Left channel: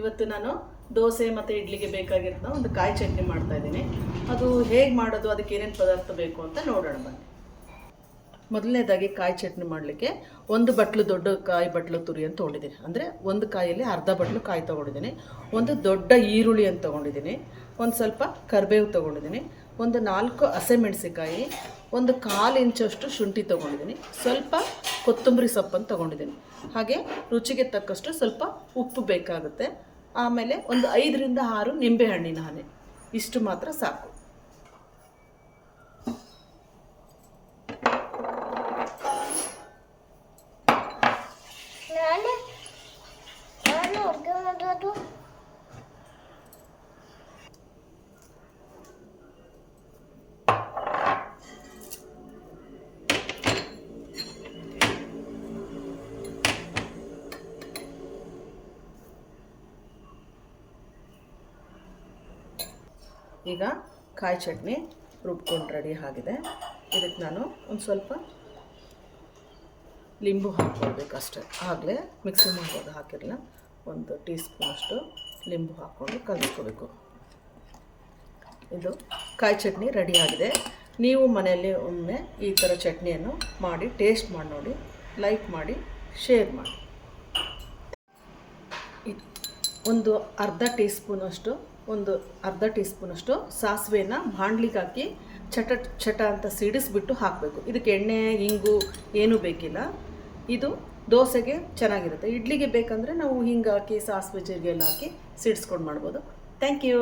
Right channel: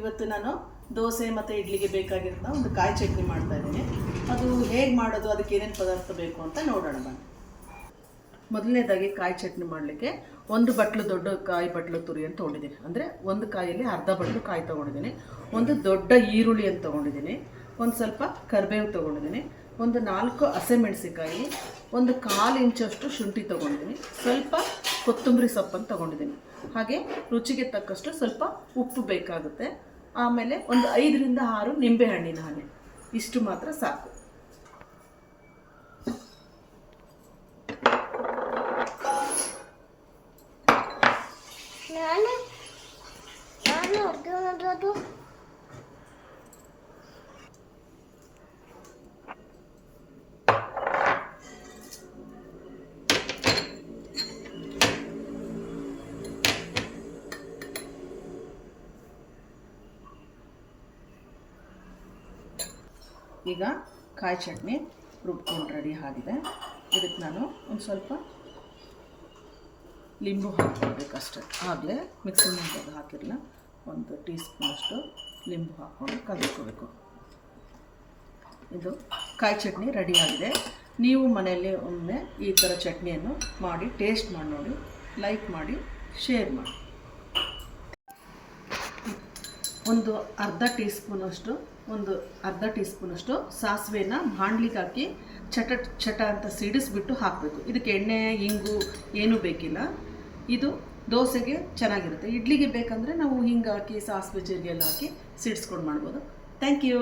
ಇವತ್ತು ನಾನು ದೋಸೆ ಮತ್ತು ಇಡ್ಲಿಗೆ ಬೇಕಾಗಿರೋ ಒಂದು ಕಾಯಿ ಚಟ್ನಿ ಮಾಡ್ತಾ ಇದ್ದೀನಿ. ಅದು ಹೇಗೆ ಮಾಡೋದು, ಅದಕ್ಕೆ ಏನೇನು ಪದಾರ್ಥ ಬೇಕು ಅಂತ ನೋಡೋಣ ಬನ್ನಿ. ಮೊದಲನೇದಾಗಿ ಕಾಯಿ ಚಟ್ನಿ ಮಾಡಲಿಕ್ಕೆ ಒಂದು ಬಟ್ಲು ದೊಡ್ಡ ಕಾಯಿ ಬಟ್ಲು ತುರಿ ಅಂತ ತೊಗೊಂಡಿದ್ದೀನಿ. ಅಂದರೆ ಒಂದು ಕಾಯಲ್ಲಿ ಅರ್ಧ ಬಟ್ಲು ಕಾಯಿ ತೊಗೊಂಡಿದ್ದೀನಿ. ಒಂದು ದೊಡ್ಡ ಈರುಳ್ಳಿ ಅಂತ ತೊಗೊಂಡಿದ್ದೀನಿ. ಒಂದು ಸ್ವಲ್ಪ ಕರಿಬೇವು ತೊಗೊಂಡಿದ್ದೀನಿ. ಒಂದು ನಾಲ್ಕು ಹಸಿಮೆಣಸಿಕಾಯಿ ಒಂದು ಕಾಲು ಇಂಚಷ್ಟು ಶುಂಠಿ ತೊಗೊಂಡಿದ್ದೀನಿ. ಸ್ವಲ್ಪ ಕೊತ್ತಂಬರಿ ಸೊಪ್ಪನ್ನು ತೊಗೊಂಡಿದ್ದೀನಿ. ಹಾಗೆ ರುಚಿಗೆ ತಕ್ಕಷ್ಟು ಸ್ವಲ್ಪ ಉಪ್ಪು ಬೇಕಾಗುತ್ತೆ. ಆಮೇಲೆ ಒಂದು ಐದರಿಂದ ಆರು ನಿಂಬೆಹಣ್ಣಿನ ಹನಿ ಇಷ್ಟು ಮಾತ್ರ ಸಾಕು. ನಾನು ನಾನು ಈಗ ಕಾಯಿ ಚಟ್ನಿ ರುಬ್ಕೊಂಡು ರೆಡಿ ಆಗಿದೆ. ಇದಕ್ಕೆ ನಾನು ಒಂದು ಸ್ವಲ್ಪ ಲಿಂಬು ಹಾಕ್ಕೊಳ್ಬೇಕಷ್ಟೆ ಆಗಲೇ ಮಿಕ್ಸರ್ ಮಾಡಿದಾಗ ಹಾಕಿರಲ್ಲ. ಒಂದು ಟೀ ಸ್ಪೂನಷ್ಟು ಲಿಂಬು ಹಾಕ್ಕೊಂಡು ಕಲಿಸ್ಕೋಬೇಕು. ಇದು ಕಾಯಿ ಚಟ್ನಿ ರೆಡಿ ಆಗಿದೆ. ನೀವು ಮನೆಯಲ್ಲಿ ಒಮ್ಮೆ ಈ ಥರ ಚಟ್ನಿಯನ್ನು ಮಾಡಿ ಟೇಸ್ಟ್ ಮಾಡಿ ನೋಡಿ ಲೈಕ್ ಮಾಡಿ ಶೇರ್ ಮಾಡಿ. ಒಂದು ಅರ್ಧ ಟೀ ಸ್ಪೂನಷ್ಟು ಒಂದು ಅರ್ಧ ಟೀ ಸ್ಪೂನಷ್ಟು ಸಾಸಿವೆನ ಬಾಣ್ಲಿಗೆ ಹಾಕಿ ಚಟ ಚಟ ಅಂತ ಸಿಡಿಸ್ಬಿಟ್ಟು ಹಾಕಬೇಕು. ಇದಕ್ಕೆ ಎಣ್ಣೆ ಹಿಂಗು ಏನೂ ಬೇಕಿಲ್ಲ. ಇದು ದೋಸೆಗೆ ಚೆನ್ನಾಗಿರುತ್ತೆ. ಇಡ್ಲಿಗೆ ಬೇಕಂದರೆ ನಾವು ಹಿಂಗೆ ಹಾಕಿ, ಸಾಸಿವೆ ಜೀರಿಗೆ ಎಲ್ಲ ಹಾಕಿ ಸಿಡಿಸ್ಕೊಂಡು ಮಾಡ್ಬೋದು. Thank you.